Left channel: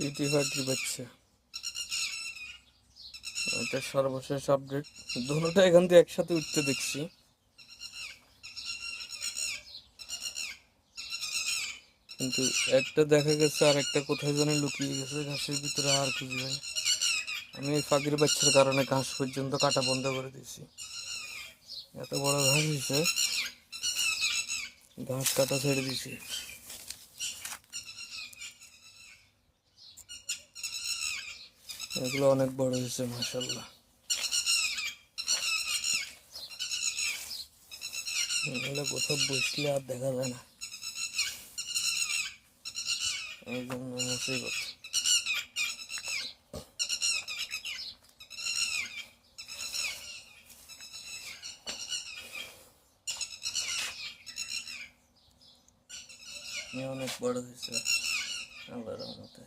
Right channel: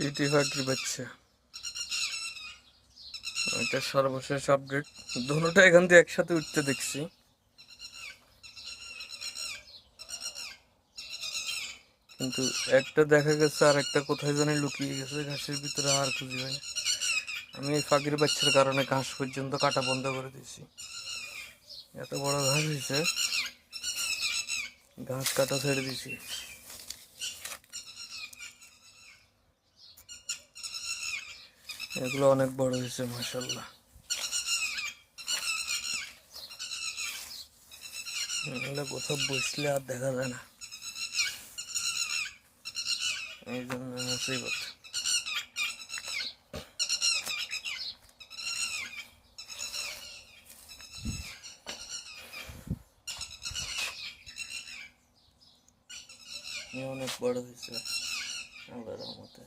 TT পাখির বাচ্চা, এটা সর্বশেষ আপডেট। দুটোটা এখান থেকে একসাথে উঠতে দেখছি। কিন্তু একটা দেখা গেছে আর একটা কোথায় জানি লুকিয়ে গেছে ঘাসের ভিতরে, আর খুঁজে পাই না। আমি এই পাখির বাচ্চার কারণে ঘাস পর্যন্ত কাটা বন্ধ করে দিয়েছি। এত বড় ঘাস হয়েছে, ঘাস কাটা ছেড়ে দিয়েছি। এগুলো অনেক বড় হয়েছে মাশাআল্লাহ। এগুলো কোথাও বসলে আর দেখা যায় না, এই জন্য মুসিবত। অনেক বড় হয়েছে আল্লাহর রহমতে।